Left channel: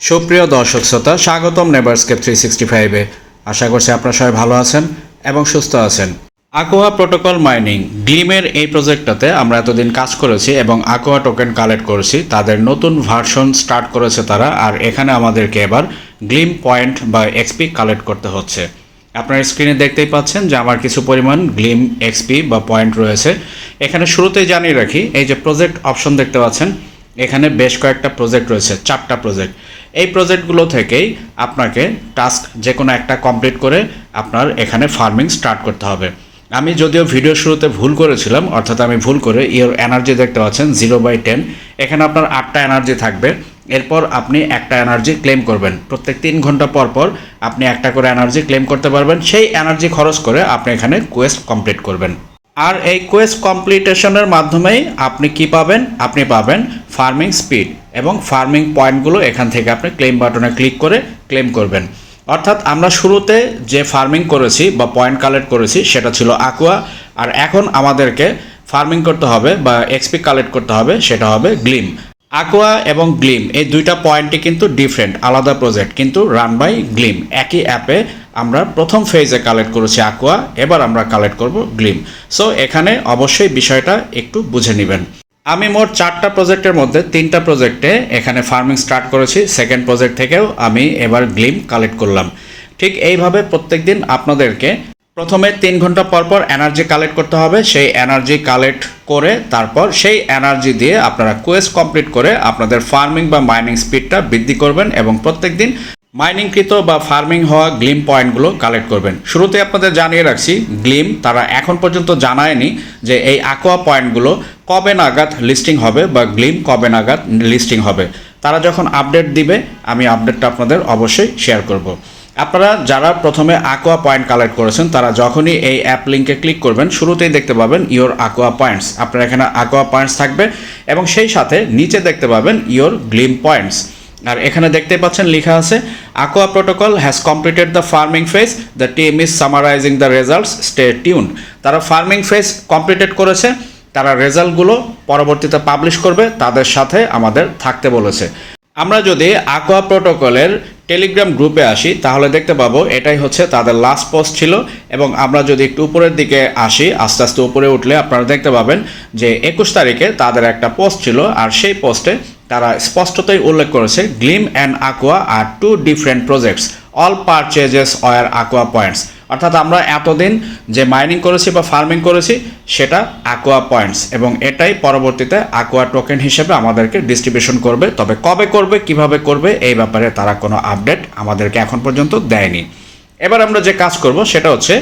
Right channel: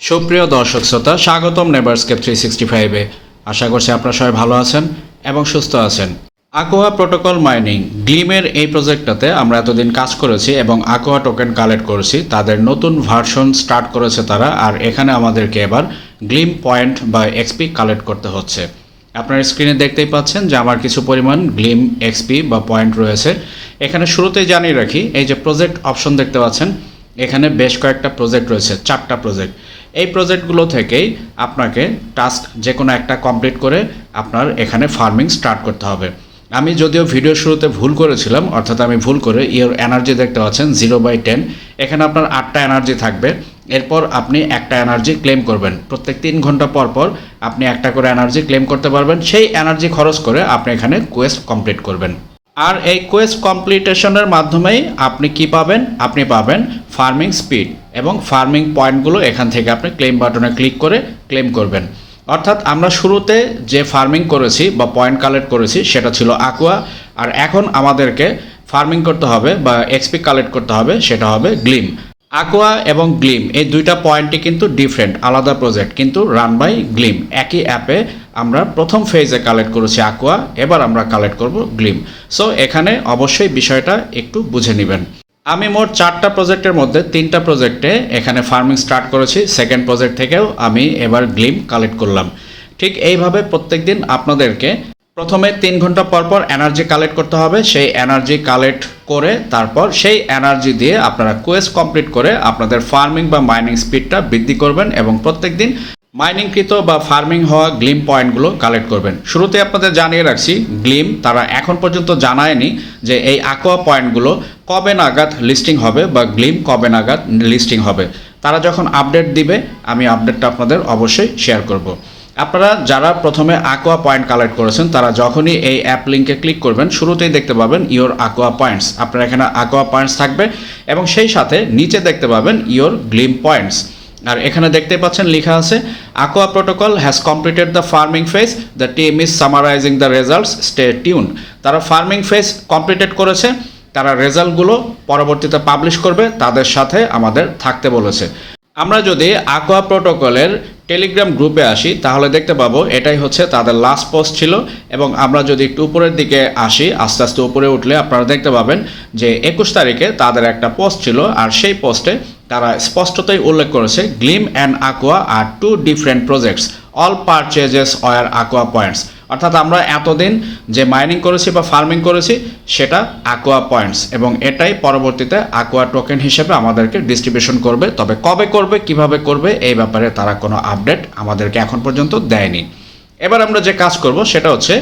সুপ্রিয় দর্শক শ্রোতা, স্বাগতম নেবার্সকে থ্রি সিক্সটি ফাইভে আশা করছি আপনারা সবাই ভালো আছেন এবং সুস্থ আছেন। আকোয়া প্রোটোকল মাইনিং গ্লিমের এই প্রজেক্টটাতে আমরা এতদিন কাজ করেছি এবং আকোয়া টোকেন কালেক্ট করেছি। তাদের নতুন ভার্সন স্টার্ট করেছে তারা আর এখানে আমাদেরকে এবার গ্লিম পয়েন্ট বা এক্সপি কালেক্ট করতে হচ্ছে। আপনার স্ক্রিনে দেখতেই পাচ্ছেন যে আমার কিছু পরিমাণ গ্লিম এক্সপি বা পয়েন্ট রয়েছে। এখানে শুরুতেই জানিয়ে রাখি, এই যে প্রজেক্ট অপশন দেখতে পাচ্ছেন, এখানে বেশ কয়েকটা প্রজেক্ট রয়েছে, চারটা প্রজেক্ট এই প্রজেক্টগুলো থেকেই আপনাকে টাস্ক যে কোনো একটা কমপ্লিট করে আপনার এখানে ফার্মিং স্টার্ট করতে হবে। আমি যদিও ভিডিও শুরুতে ভুল করেছিলাম, অর্থাৎ আমি ভুল করে ইয়োর এনার্জি দেখতে পাচ্ছেন, জিরো বাই টেন। এখানে আপনার আটটা এনার্জি থাকবে। এরপর আপনি একটা এনার্জি ক্লেম করবেন। প্রত্যেক তিন ঘণ্টা পর পর আপনি একটা করে এনার্জি ক্লেম করতে পারবেন। সেই এনার্জি খরচ করে আপনি এখানে কোয়েস্ট কমপ্লিট করবেন। আর এই কোয়েস্ট কমপ্লিটেশনের মাধ্যমেই আপনি কি পাবেন? আপনি পাবেন ফার্মিং স্পিড এবং ফার্মিং পয়েন্টগুলো এখান থেকে আপনি ক্লেম বাটনে ক্লিক করে ক্লেম করবেন। অর্থাৎ আমরা শুরুতে যে ফার্মিং করেছি বা পয়েন্ট কালেক্ট করেছি, সেটা ছিল আকুয়া আর এখন আমাদেরকে ফার্মিং করতে হবে বা এক্সপি কালেক্ট করতে হবে, সেটা হবে গ্লিম আকুয়া এবং গ্লিম এই দুইটা পয়েন্টই কিন্তু ডিফারেন্ট আলাদা প্রজেক্ট কিন্তু রান বাই গ্লিম একই অ্যাপে আমরা প্রথম ফেজে কালেক্ট করেছি আকুয়া এবার আমরা কালেক্ট করব গ্লিম সো এখানে অবশ্যই বিষয়টা একটু বুঝে নেবেন। আমি মোট চারটা প্রজেক্টের মধ্যে তিনটা প্রজেক্টে এখানে ফার্মিং স্টার্ট করেছি। সেকেন্ড প্রজেক্ট থেকেও আমি এবার গ্লিম কালেক্ট করলাম। ঠিক এইভাবে প্রত্যেকদিন আপনাদেরকে প্রথমে তিন ঘণ্টা পর পর এনার্জি কালেক্ট করতে হবে। সেই এনার্জি কালেক্ট করে তারপর সেই এনার্জি দিয়ে আপনারা কোয়েস্ট কমপ্লিট করে আপনাদের ফার্মিং বা মাইনিং স্পিডটা বৃদ্ধি করবেন এবং প্রত্যেকদিন মাইনিংকৃত বা ফার্মিং হওয়া গ্লিম পয়েন্টগুলো কালেক্ট করবেন। শুরুতে আপনাদের জানিয়ে রাখছি, গ্লিম তারা এখন পর্যন্ত জানায়নি যে এই আকোয়া পয়েন্টগুলো কবে নাগাদ লিস্টিং হবে বা গ্লিম কবে নাগাদ লিস্টিং হবে। তারা যখন আপডেট দিবে, আমি আপডেটটা আপনাদের অবশ্যই শেয়ার করব। আপনারা যারা প্রথমে আকোয়া পয়েন্ট কালেক্ট করেছেন, তারা যখনই এই অ্যাপ লিঙ্কে ক্লিক করবেন, শুরুতেই দেখতে পাবেন ইওর আকোয়া পয়েন্টস আপনার এখানে আকোয়া পয়েন্টস থাকবে এবং সেই সাথে নিচে দেখতে পাবেন ইওর গ্লিম পয়েন্টস আর এখানে দেখতে পাচ্ছেন লেখা আছে Aqua protocol has completed the farming phase the team is summarising the results stay tune তারা ফার্মিং ফেজ কমপ্লিটেড করেছে, তারা রেজাল্টগুলো পরবর্তীতে পাবলিশ করবে, তাদের সাথে আমাদের থাকতে বলেছে। আমরা যদি আকোয়া প্রোটোকলের টেলিগ্রাম গ্রুপে আসি, তাহলে দেখতে পাবো এটাই হচ্ছে তাদের লাস্ট পোস্ট ছিল এবং আমরা যদি একটু উপরের দিকে আসি, আস্তে আস্তে উপরে উঠলে আপনারা দেখতে পাবেন যে একুশ তারিখে তাদের একটা পোস্ট ছিল আর সেই পোস্টে তারা স্পষ্টতই উল্লেখ করেছে Glim and Aqua R two different projects all purchases were Aqua points অর্থাৎ আমরা এতদিন যে মাইনিং করেছি বা ফার্মিং করেছি, সেটা আকোয়া পয়েন্টস এবং এটাই পরবর্তীতে আকোয়া টোকেন হিসেবে আমাদেরকে ডিস্ট্রিবিউশন করবে। তবে কবে করবে, কীভাবে করবে, এই ব্যাপারে তারা কোনো আপডেট আমাদেরকে এখন পর্যন্ত দেয়নি। এবার আমরা যে কাজ করব, সেটা হচ্ছে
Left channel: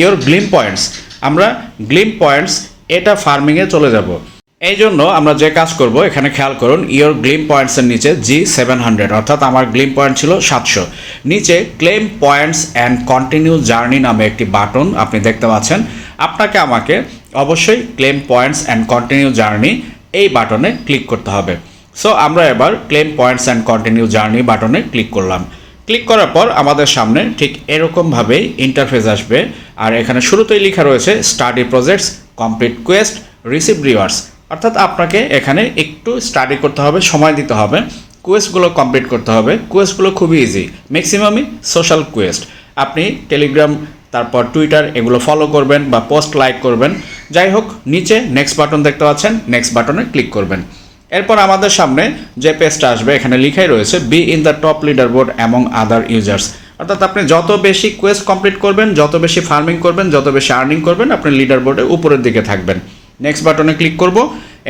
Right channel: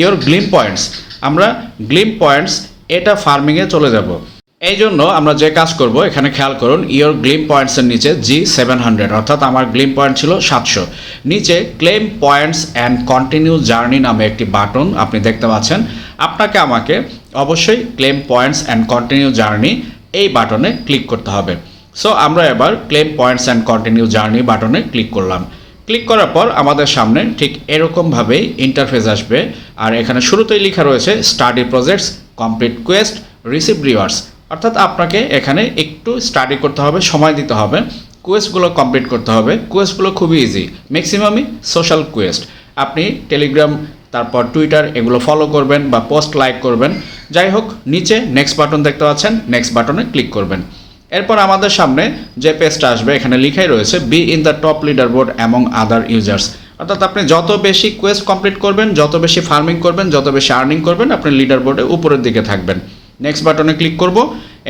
ইওর গ্লিম পয়েন্টস আমরা গ্লিম পয়েন্টস এটা ফার্মিংয়ে চলে যাব। এই জন্য আমরা যে কাজ করব, এখানে খেয়াল করুন ইওর গ্লিম পয়েন্টসের নিচে জি সেভেন হান্ড্রেড অর্থাৎ আমার গ্লিম পয়েন্ট ছিল সাতশো। নিচে claim points and continue journey নামে একটি বাটন আপনি দেখতে পাচ্ছেন। আপনাকে আমাকে অবশ্যই claim points and continue journey এই বাটনে ক্লিক করতে হবে। সো আমরা এবার claim points and continue journey বাটনে ক্লিক করলাম। ক্লিক করার পর আমাদের সামনে ঠিক এরকমভাবেই ইন্টারফেস আসবে। আর এখানে শুরুতেই লেখা রয়েছে study projects complete quest receive rewards অর্থাৎ আপনাকে এখানে একটু স্টাডি করতে হবে, সময় দিতে হবে। কোয়েস্টগুলো কমপ্লিট করতে হবে। কোয়েস্টগুলো খুবই ইজি ম্যাক্সিমামই সোশ্যাল কোয়েস্ট আপনি টেলিগ্রাম তারপর টুইটার এগুলো ফলো করবেন বা পোস্ট লাইক করবেন। যাই হোক, নিচে নেক্সট বাটন দেখতে পাচ্ছেন নেক্সট বাটনে ক্লিক করবেন। এরপর আমাদের সামনে যে পেজটা আসবে, এখানে লিখাই রয়েছে be in the top leaderboard among other users অর্থাৎ আপনি যত বেশি কোয়েস্ট কমপ্লিট করবেন, যত বেশি ফার্মিং করবেন, যত বেশি আর্নিং করবেন, আপনি লিডার বোর্ডে উপরের দিকে থাকবেন। নেক্সট বাটনে ক্লিক করব।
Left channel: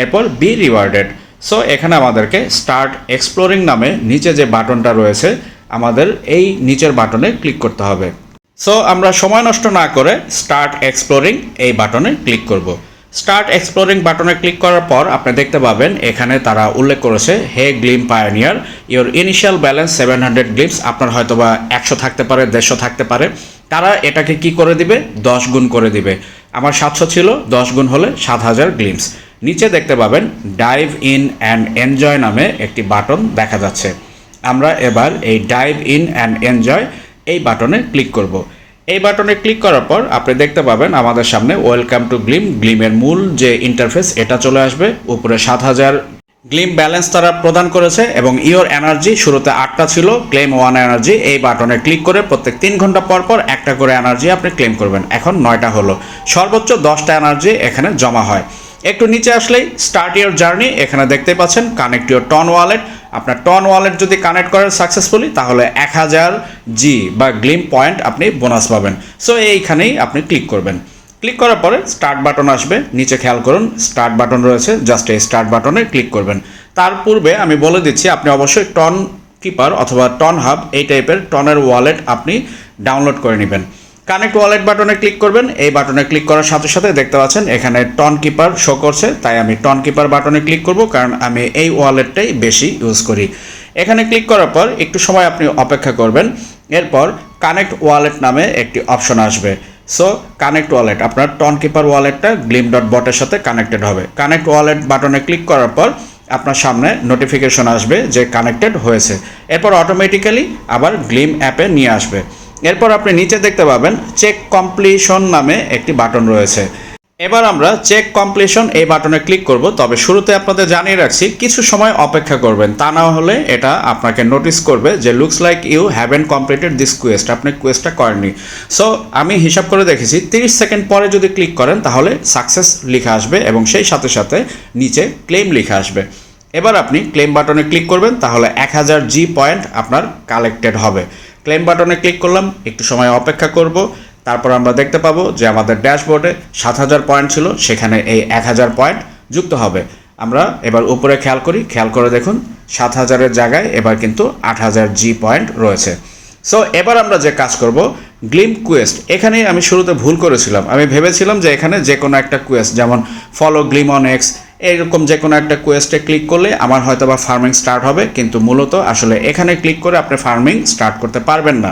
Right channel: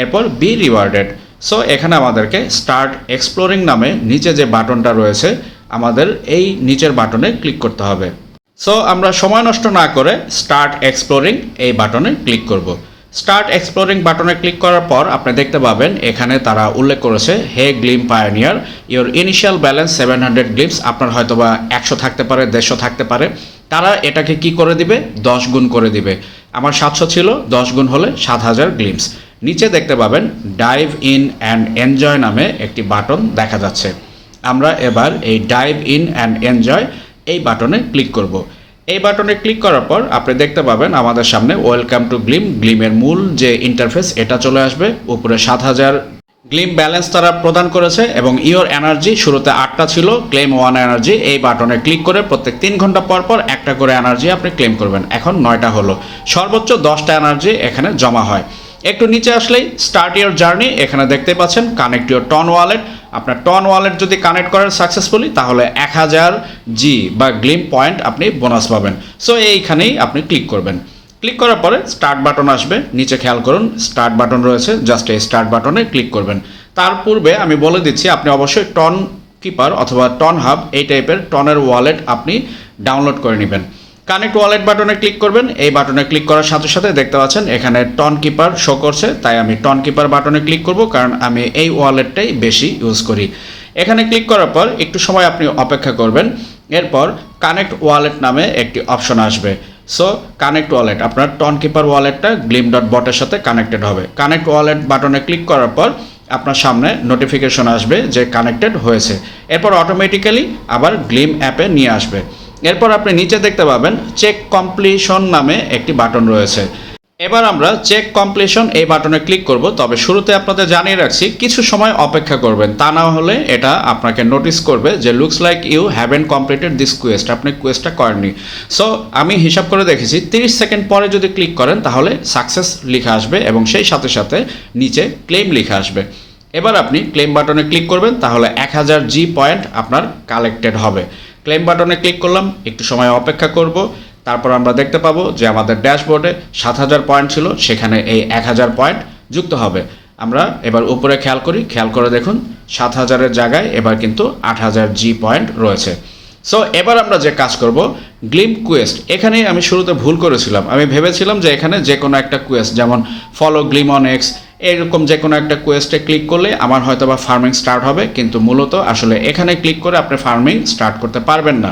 এরপর বি রিওয়ার্ডেড সো এখানে আমাদেরকে স্টার্ট এক্সপ্লোরিং নামে নিচে যে বাটনটা রয়েছে, আমাদের এই নিচের বাটনে ক্লিক করতে হবে। সো আমরা সময় নষ্ট না করে স্টার্ট এক্সপ্লোরিং এই বাটনে ক্লিক করব। স্টার্ট এক্সপ্লোরিং বাটনে ক্লিক করার পর আপনি দেখতে পাবেন, এখানে তারা উল্লেখ করেছে hey Glim pioneer your initial balance seven hundred Glims আপনার হয়তো বা একশো থাকতে পারে, দেড়শো থাকতে পারে। তারা এটাকে কি করে দিবে? দশ গুণ করে দিবে। আমার সাতশো ছিল, দশ গুণ হলে সাত হাজার গ্লিমস নিচে দেখতে পাবেন ডাইভ ইন অ্যান্ড এনজয় নামে একটি বাটন দেখা যাচ্ছে। আমরা এবার এই ডাইভ ইন অ্যান্ড এনজয় এই বাটনে ক্লিক করব। এই বাটনে ক্লিক করার পর আপনি দেখতে পাবেন আমাদের সামনে ওয়েলকাম টু গ্লিম গ্লিমের মূল যে ইন্টারফেস এটা চলে আসবে। উপরে সাত হাজার গ্লিম ব্যালেন্স তারা প্রদান করেছে এবং ইওর এনার্জি শুরুতে আটটা ছিল ক্লেম ওয়ান এনার্জি এই বাটনে ক্লিক করে প্রত্যেক তিন ঘণ্টা পর পর একটা করে এনার্জি আপনি ক্লেম করবেন। এখন নয়টা হলো। সর্বোচ্চ দশটা এনার্জি এখানে জমা হয়। একটু নিচে আসলেই স্টার্ট ইউর জার্নি এখানে দেখতে পাচ্ছেন কানেক্ট ইউর টন ওয়ালেট আপনার টন ওয়ালেট যদি কানেক্ট করেন সাকসেসফুলি তাহলে এক হাজার জি বা গ্লিম পয়েন্ট আপনি বোনাস পাবেন। সো এইখানেই আপনি ক্লিক করবেন। ক্লিক করার পরে স্টার্ট বাটন আসবে। নিচে খেয়াল করুন স্টার্ট বাটন রয়েছে জাস্ট এই স্টার্ট বাটনে ক্লিক করবেন। তার পূর্বে আমি বলে দিচ্ছি, আপনি অবশ্যই টন কিপার অথবা টন হাব এই টাইপের টনের ওয়ালেট আপনি ডাউনলোড করে নেবেন। কানেক্ট ওয়ালেট বাটনে ক্লিক করবেন। এই বাটনে ক্লিক করার সাথে সাথে দেখতে পাচ্ছেন, এখানে টন কিপার শো করছে। তাই আমি টন কিপার বাটনে ক্লিক করব, কারণ আমি এই ওয়ালেটটাই বেশি ইউজ করি। এখানে ক্লিক করার পর একটু সময় আপনি অপেক্ষা করবেন। এরপর কানেক্ট ওয়ালেট নামে একটি অপশন আসবে। সো কানেক্ট ওয়ালেট আপনার টন কিপার ওয়ালেটটা গ্লিম ডট বটের সাথে কানেক্টেড হবে। কানেক্ট ওয়ালেট বাটনে ক্লিক করার পর আপনার সামনে নোটিফিকেশন আসবে যে কানেক্টেড হয়েছে। এরপর অটোমেটিক্যালি আবার গ্লিম অ্যাপে নিয়ে আসবে। এরপর আপনি নিচে দেখতে পাবেন চেক কমপ্লিশন নামে একটি বাটন রয়েছে। এবার আমরা চেক কমপ্লিশন এই বাটনে ক্লিক করব। তবে শুরুতে আপনাদের জানিয়ে রাখছি, কিছু সময় অপেক্ষা করবেন। তা না হলে এটা আপনাকে নোটিস করবে যে looks like you haven't completed this quest আপনি কোয়েস্টটা করেননি। সো আমি হিসাব করে দেখেছি 30 সেকেন্ড পরে যদি ক্লিক করেন, তাহলে সাকসেস লিখে আসবে এবং সেই সাথে সাথে নিচে ক্লেম লিখে আসবে। এবার আপনি ক্লেম বাটনে ক্লিক করবেন, তাহলে এক হাজার জি পয়েন্ট আপনার কালেক্টেড হবে। ক্লেম বাটনে ক্লিক করলাম, একটু সময় অপেক্ষা করব। তারপর আমরা দেখতে পাবো যে আমাদের ড্যাশবোর্ডে সাত হাজার পয়েন্ট ছিল, সেখানে এই এক হাজার পয়েন্ট যুক্ত হবে। আমরা এবার উপরে খেয়াল করি, খেয়াল করে দেখুন, সাত হাজারের জায়গায় এবার কিন্তু আট হাজার জি পয়েন্ট রয়েছে। সো এবার আমরা যে কাজ করব গ্লিম কুয়েস্ট এখানে আমি শুরুতে ভুল করেছিলাম। আমি ভেবেছিলাম যে এখানে যে কোনো একটা কুয়েস্ট যেমন ফলো গ্লিম অন এক্স এরকম যে কোনো একটা কোয়েস্টে ক্লিক করলে আমার হয়তো বা ফার্মিং স্টার্ট হবে, কিন্তু মূলত আসলে এখানে ক্লিক করে আপনি ফার্মিং স্টার্ট করতে পারবেন না।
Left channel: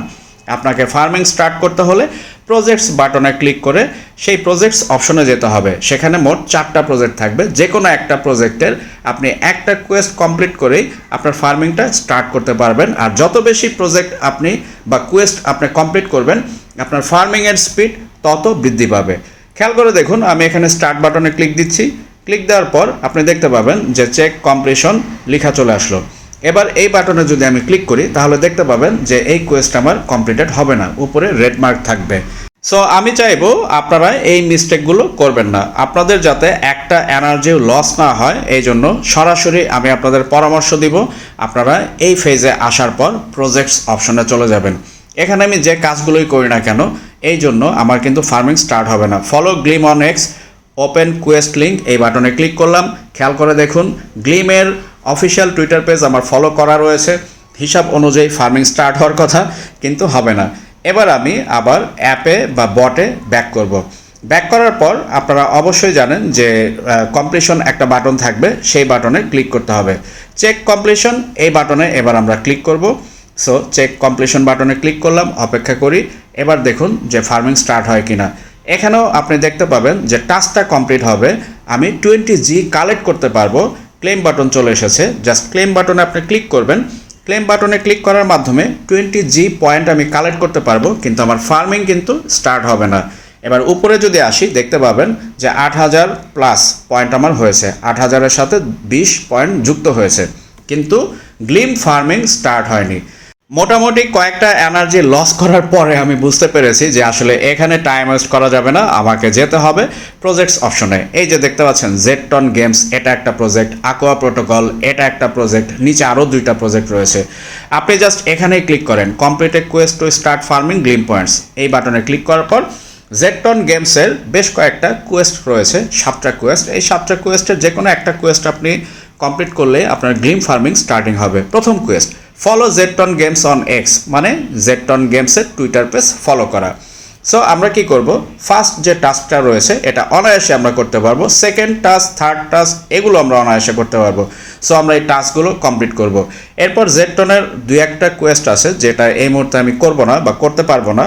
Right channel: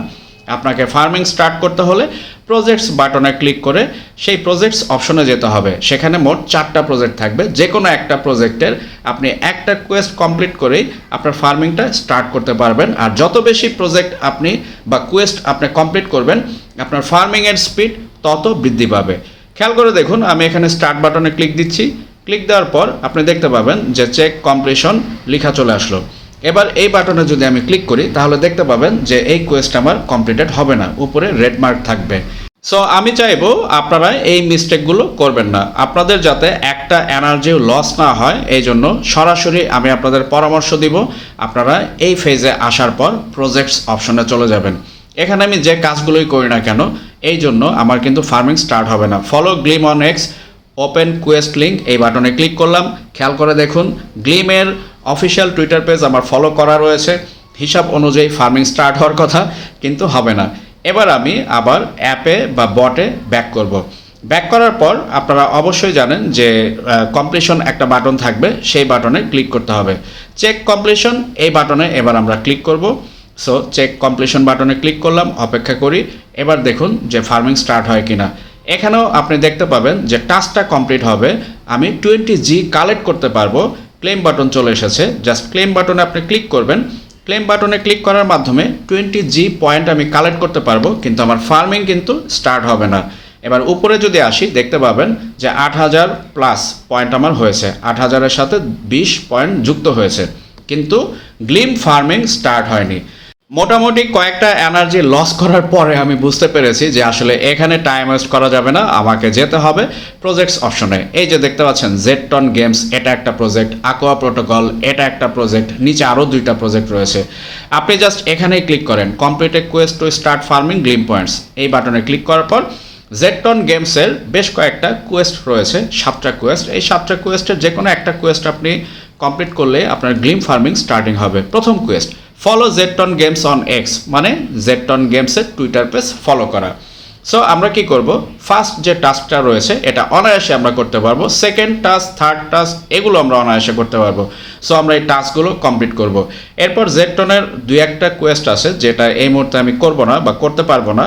আপনাকে ফার্মিং স্টার্ট করতে হলে প্রজেক্টস বাটনে ক্লিক করে সেই প্রজেক্টস অপশনে যেতে হবে। সেখানে মোট চারটা প্রজেক্ট থাকবে। যে কোনো একটা প্রজেক্টের আপনি একটা কোয়েস্ট কমপ্লিট করেই আপনার ফার্মিংটা স্টার্ট করতে পারবেন। আর যত বেশি প্রজেক্ট আপনি বা কোয়েস্ট আপনি কমপ্লিট করবেন, আপনার ফার্মিংয়ের স্পিড তত বৃদ্ধি পাবে। খেয়াল করে দেখুন, আমি এখানে স্টার্ট বাটনে ক্লিক দিচ্ছি। ক্লিক দেওয়ার পর আপনি দেখতে পাবেন যে চেক কমপ্লিশন লেখা চলে আসলো। এবার এই বাটনে যদি আমি ক্লিক করি, তাহলে দেখতে পাবেন যে এই কোয়েস্ট আমার কমপ্লিটেড হবে না। উপরে রেড মার্ক থাকবে। সো আমি চাইব আপনারা এই মিস্টেকগুলো করবেন না। আপনাদের যাতে একটা এনার্জি লস না হয়, এই জন্য সরাসরি আমি আপনাদের পরামর্শ দিব। আপনারা এই ফেজে আসার পর প্রজেক্টস অপশনে চলে যাবেন। এখানে আমি যে কাজগুলোই করি না কেন, এই জন্য আমার কিন্তু ফার্মিং স্টার্ট হবে না। Follow Glim on X open quest link এই বাটনে ক্লিক করলাম। খেয়াল করে দেখুন গ্লিমের অফিসিয়াল টুইটার পেজ আমার ফলো করা রয়েছে। হিসাব অনুযায়ী ফার্মিং স্টার্ট হওয়ার কথা কিন্তু হবে না। এবার আমি আবার অ্যাপে বা বটে ব্যাক করব। ব্যাক করার পর আপনারা অবশ্যই জানেন যে কমপ্লিশন একটা বাটন থাকবে, সেই বাটনে ক্লিক করতে হবে। চেক কমপ্লিশন এই বাটনে এবার আমরা ক্লিক করব। সো চেক কমপ্লিশন বাটনে ক্লিক করলাম, অপেক্ষা করি। এবার দেখুন যে ফার্মিং স্টার্ট হয় কিনা। এখানেও আপনি দেখতে পাবেন যে টাস্কটা কমপ্লিট হবে। আমি টোয়েন্টি জি কালেক্ট করতে পারব। ক্লেম বাটন চলে এসেছে। জাস্ট ক্লেম বাটনে আপনি ক্লিক করবেন। ক্লেম বাটনে ক্লিক করার মাধ্যমে টোয়েন্টি জি পয়েন্ট আমি কালেক্ট করতে পারব, কিন্তু আমার ফার্মিং কিন্তু স্টার্ট হবে না। এবার উপরে যদি আসি, দেখতে পাবেন যে আট হাজার প্লাস পয়েন্ট আমার হয়েছে। আট হাজারের সাথে বিশ পয়েন্ট যুক্ত হয়েছে। কিন্তু গ্লিম ফার্মিং স্টার্ট হয়নি। মোটামুটি কয়েকটা এনার্জি লস করার পরে আমি বুঝতে পেরেছি যে আসলে এখানে টাইম ওয়েস্ট করা যাবে না, আমাকে যেতে হবে প্রজেক্টস অপশনে এই যে দেখতে পাচ্ছেন জেটটন গেমস এটা একটা প্রজেক্ট আকোয়া প্রোটোকল এটা একটা প্রজেক্ট নিচে আরও দুইটা প্রজেক্ট রয়েছে। আপনি জাস্ট এখানেই ক্লিক করেন completed quest to start farming Glim points এই বাটনে ক্লিক করার পর জেটটন গেমসের বেশ কয়েকটা কোয়েস্ট রয়েছে, সাতটা কোয়েস্ট এই সাতটা কোয়েস্টের যে কোনো একটা কোয়েস্ট আপনি কমপ্লিট করলে আপনার গ্লিম ফার্মিং স্টার্টিং হবে। প্রথম quest follow Jetton games on X মানে জেটটন গেমসের টুইটার পেজ ফলো করা। সো আমরা কি করব? ফার্স্ট যে টাস্কটা রয়েছে, এটা অনায়াসে আমরা করতে পারব। সেকেন্ড টাস্ক থার্ড টাস্ক এগুলো আমরা অনায়াসে করতে পারব। সো আমরা এই টাস্কগুলো কমপ্লিট করব। এরপর জেটটনের দু একটা কোয়েস্ট আছে, যেটা এই মুহূর্তে আমি করব না বা করতে পারব না।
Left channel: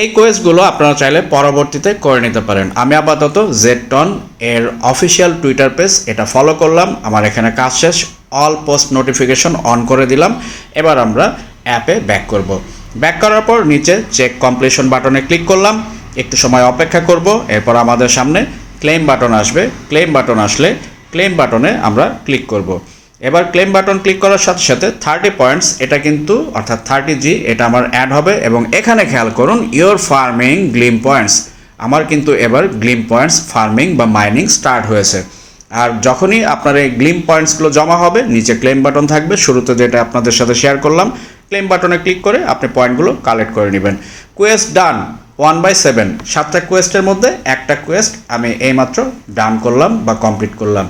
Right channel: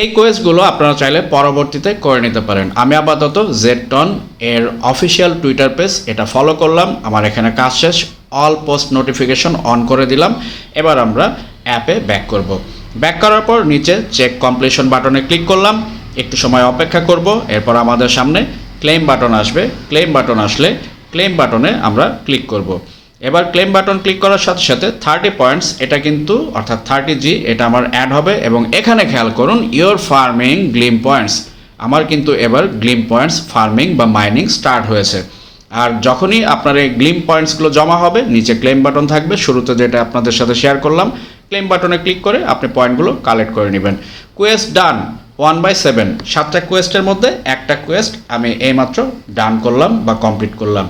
এই কোয়েস্টগুলো আপনারা চাইলে পরবর্তীতে করে নিতে পারেন। আমি আপাতত জেটটন এর অফিসিয়াল টুইটার পেজ এটা ফলো করলাম। আমার এখানে কাজ শেষ। অল পোস্ট নোটিফিকেশন অন করে দিলাম। এবার আমরা অ্যাপে ব্যাক করব। ব্যাক করার পর নিচে চেক কমপ্লিশন বাটনে ক্লিক করলাম। একটু সময় অপেক্ষা করব। এরপর আমাদের সামনে ক্লেম বাটন আসবে। ক্লেম বাটন আসলে ক্লেম বাটনে আমরা ক্লিক করব। এবার ক্লেম বাটন ক্লিক করার সাথে সাথে থার্টি পয়েন্টস এটা কিন্তু অর্থাৎ থার্টি জি এটা আমার অ্যাড হবে এবং এখানে খেয়াল করুন ইওর ফার্মিং গ্লিম পয়েন্টস আমার কিন্তু এবার গ্লিম পয়েন্টস ফার্মিং বা মাইনিং স্টার্ট হয়েছে। আর যখনই আপনার এই গ্লিম পয়েন্টসগুলো জমা হবে, নিচে ক্লেম বাটন থাকবে। শুরুতে যেটা আপনাদের সাথে শেয়ার করলাম ক্লেম বাটনে ক্লিক করে আপনি পয়েন্টগুলো কালেক্ট করে নেবেন। Quest done one by seven সাতটা কোয়েস্টের মধ্যে একটা কোয়েস্ট আমি এইমাত্র ডান করলাম বা কমপ্লিট করলাম।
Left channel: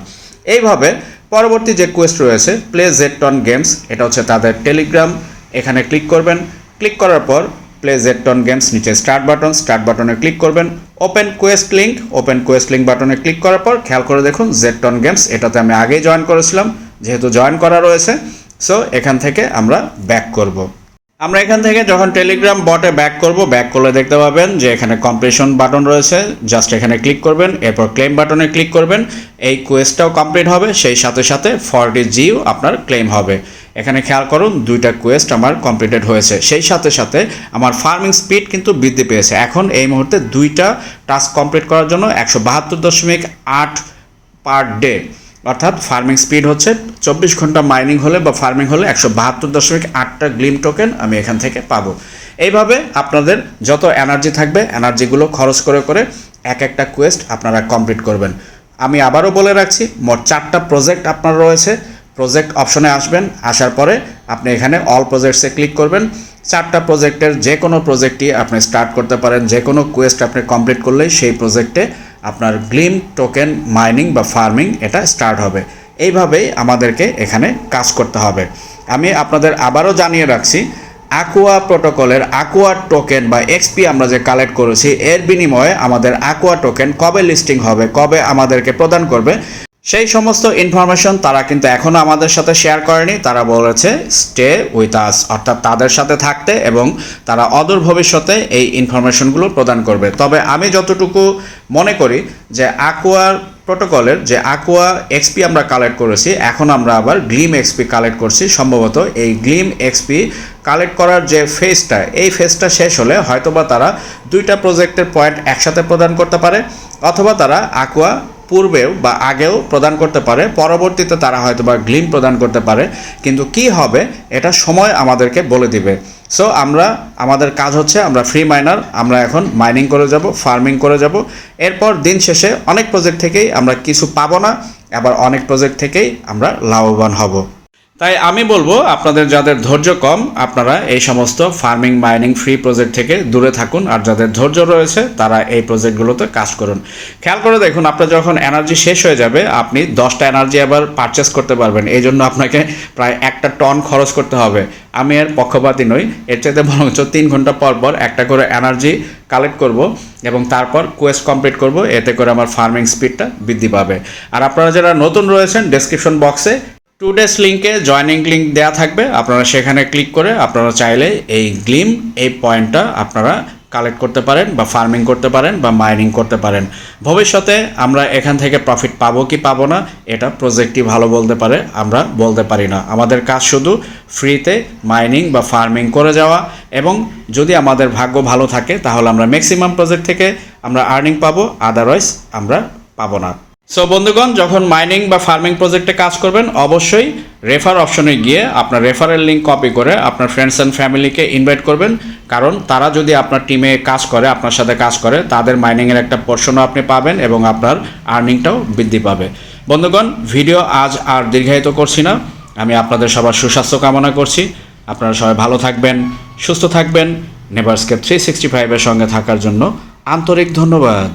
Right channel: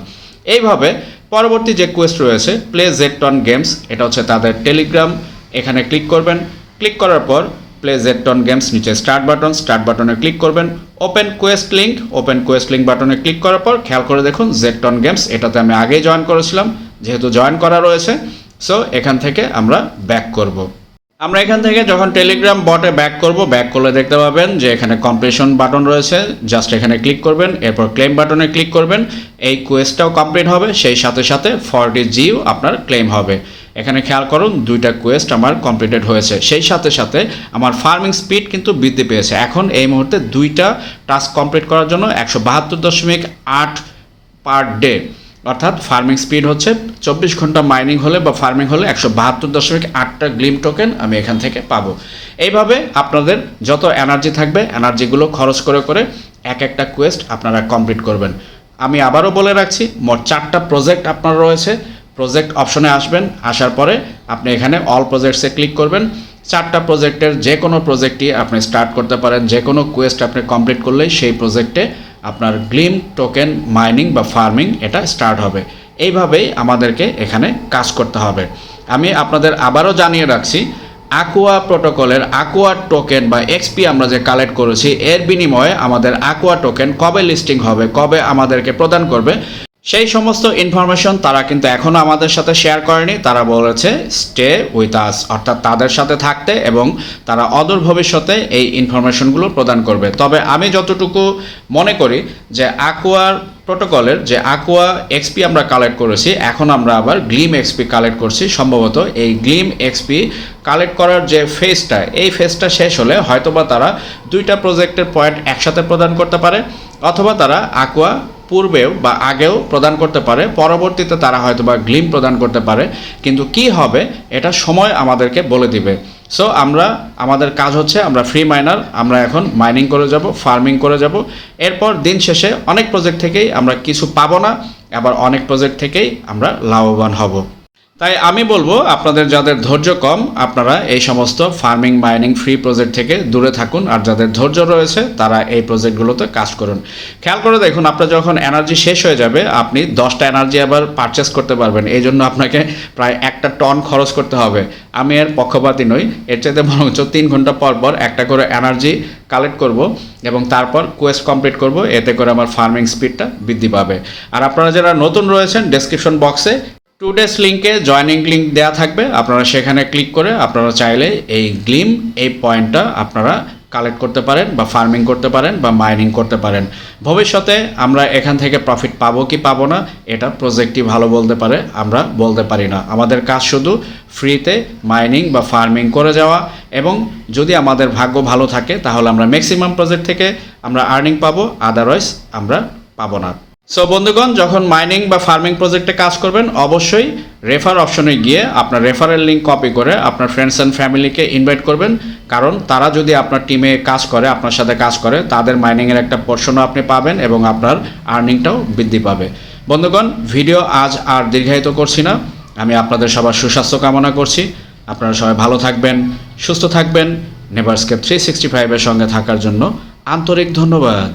এইভাবে পরবর্তী যে কোয়েস্ট রয়েছে প্লে জেকটন গেমস এটা হচ্ছে তাদের টেলিগ্রাম এখানে ক্লিক করবেন। ক্লিক করার পর প্লে জেকটন গেমস নিচে স্টার্ট বাটন স্টার্ট বাটনে ক্লিক করবেন। Open quest link open quest link বাটনে ক্লিক করার পর খেয়াল করে দেখুন জেকটন গেমস এটাতে আমি আগেই জয়েন করেছিলাম, যেহেতু জয়েন করা রয়েছে। সো এখান থেকে আমরা ব্যাক করব। আমরা এখান থেকে যখন টেলিগ্রাম বটে ব্যাক করব ব্যাক করলে দেখতে পাবেন যে এখানে কমপ্লিশন বাটন রয়েছে। জাস্ট এখানে ক্লিক করবেন, এরপর ক্লেম বাটনে ক্লিক করবেন। এই কোয়েস্টটাও কমপ্লিট হবে, সেই সাথে সাথে ফর্টি জিও আপনার ক্লেম হবে। এখানে খেয়াল করুন, দুইটা কোয়েস্ট আমার কমপ্লিটেড হয়েছে। সেই সাথে সাথে আমার ফার্মিং স্পিড কিন্তু বৃদ্ধি পেয়েছে। এখন এই মুহূর্তে দুইটা টাস্ক কমপ্লিট করার জন্য একশো বাহাত্তর দশমিক আট পার ডে অর্থাৎ ফার্মিং স্পিড হচ্ছে চব্বিশ ঘণ্টা মাইনিং হলে বা ফার্মিং হলে একশো বাহাত্তর দশমিক আটটা গ্লিম টোকেন আমি এখান থেকে পাবো। এইভাবে আপনাদের যত এনার্জি থাকবে এনার্জিগুলো খরচ করে করে এক একটা কোয়েস্ট আপনারা কমপ্লিট করবেন। আমি আবারও বলে রাখছি, মোট চারটা প্রজেক্ট আপনার রয়েছে। প্রজেক্ট অপশনে আসবেন, আসার পরে আপনি এখানে অল প্রজেক্টসে ক্লিক করবেন। চারটা প্রজেক্টের যে কোনো প্রজেক্টই আপনি স্টার্ট করতে পারেন। যে কোনো কোয়েস্ট আপনি কমপ্লিট করলেই সেই প্রজেক্টে আপনার গ্লিম টোকেন মাইনিং বা ফার্মিং এটা স্টার্ট হবে। এইভাবেই আমাদেরকে এখানে কাজ করতে হবে। আমি আপনাদের আবারও জানিয়ে রাখছি আকুয়া প্রোটোকলের আকুয়া টোকেন বা এক্সপি আমরা যে কালেক্ট করেছি, এর বিনিময়ে আমাদের আকুয়া টোকেন কবে লিস্টিং হবে, কবে আমাদেরকে প্রদান করবে সেই সমস্ত ইনফরমেশন তারা কিন্তু এখনও আমাদের সাথে শেয়ার করেনি। তারা বলেছে স্টে উইথ আস অর্থাৎ তাদের সাথে থাকতে এবং তারা অদূর ভবিষ্যতে এই ইনফরমেশনগুলো প্রদান করবে। তবে আমি যতটুকু মনে করি যে আকুয়ার প্রোটোকলের যে আকুয়া এক্সপি আমরা কালেক্ট করেছি, এখন আমরা আবার গ্লিম এক্সপি কালেক্ট করছি। সম্ভবত এই গ্লিম এক্সপি কালেক্ট করার যে ফেজটা এই ফেজটা শেষ হলে হয়তোবা তারা দুইটা প্রজেক্টের পয়েন্ট একসাথে প্রদান করতে পারে, অথবা তারা আকুয়া পূর্বেও বা আগেও প্রদান করতে পারে, পরবর্তীতে তারা হয়তো বা গ্লিন প্রদান করতে পারে, কিন্তু কি হবে এটা সময় আমাদেরকে বলে দিবে। সো আমরা, আমাদের কাজ হচ্ছে আমরা ফ্রি মাইনার আমরা এখন মাইনিং করে যাব ফার্মিং করে যাব। এরপর দিন শেষে অনেক প্রজেক্ট থেকেই আমরা কিছু পাবো না, আবার অনেক প্রজেক্ট থেকেই আমরা লাভবান হব। তাই আমি বলব, আপনাদের যাদের ধৈর্য কম, আপনারা এই সমস্ত ফার্মিং, মাইনিং, ফ্রি প্রজেক্ট থেকে দূরে থাকুন। আর যাদের ধৈর্য রয়েছে, তারা এই প্রজেক্টগুলোতে কাজ করুন। খেয়াল করে দেখুন, আপনার যখন এনার্জি শেষ হয়ে যাবে, আপনি দশটা এনার্জি আবার পারচেস করতে পারবেন। এই জন্য আপনাকে প্রায় একটা টন খরচ করতে হবে। আমি এর পক্ষপাতী নই। এর চাইতে বরঞ্চ তিন ঘণ্টা পর পর একটা করে এনার্জি কালেক্ট করব এবং তারপর কোয়েস্ট কমপ্লিট করব। এতে করে আমার ফার্মিং স্পিডটা বৃদ্ধি পাবে। আর আপনারা যারা নতুন রয়েছেন ডেসক্রিপশন বক্সে টু ডেস লিঙ্কে জয়নিং লিঙ্ক দেওয়া থাকবে। আপনারা সেখানে ক্লিক করে আপনারা চাইলে এই গ্লিম এই পয়েন্টটা আপনারা কালেক্ট করতে পারেন বা ফার্মিং করতে পারেন বা মাইনিং করতে পারেন। ভবিষ্যতে আমরা এখান থেকে প্রফিট পাবো কি পাবো না, এটা প্রজেক্টই ভালো বলতে পারে, আমরা বলতে পারি না। আমাদের কাজ শুধু ফ্রিতে মাইনিং বা ফার্মিং করে যাওয়া এবং যদি আমাদের ভাগ্য ভালো থাকে, তাহলে আমরা ম্যাক্সিমাম প্রজেক্ট থেকে আমরা আর্নিং পাবো আদারওয়াইজ আমরা পাবো না। সো বন্ধুগণ, যখন মাইনিং বা ফার্মিং প্রজেক্টে কাজ করবেন, অবশ্যই রেফার অপশনে গিয়ে আপনার রেফারেল লিঙ্ক কপি করে আপনার ফ্রেন্ডস অ্যান্ড ফ্যামিলিকে ইনভাইট করবেন। কারণ তারা যদি আপনার টিমে কাজ করে, আপনার সাথে কাজ করে, তাদের মাইনিংয়ের একটা পোর্শনও আপনি পাবেন এবং আপনার আর্নিংটাও বৃদ্ধি পাবে। বন্ধুগণ ভিডিও আজ আর দীর্ঘায়িত করছি না। আমি আপনাদের সবার সুস্বাস্থ্য কামনা করছি। আপনারা সবাই ভালো থাকবেন, সুস্থ থাকবেন নেভারস্কেপ থ্রি সিক্সটি ফাইভের সঙ্গে থাকার জন্য আন্তরিক ধন্যবাদ।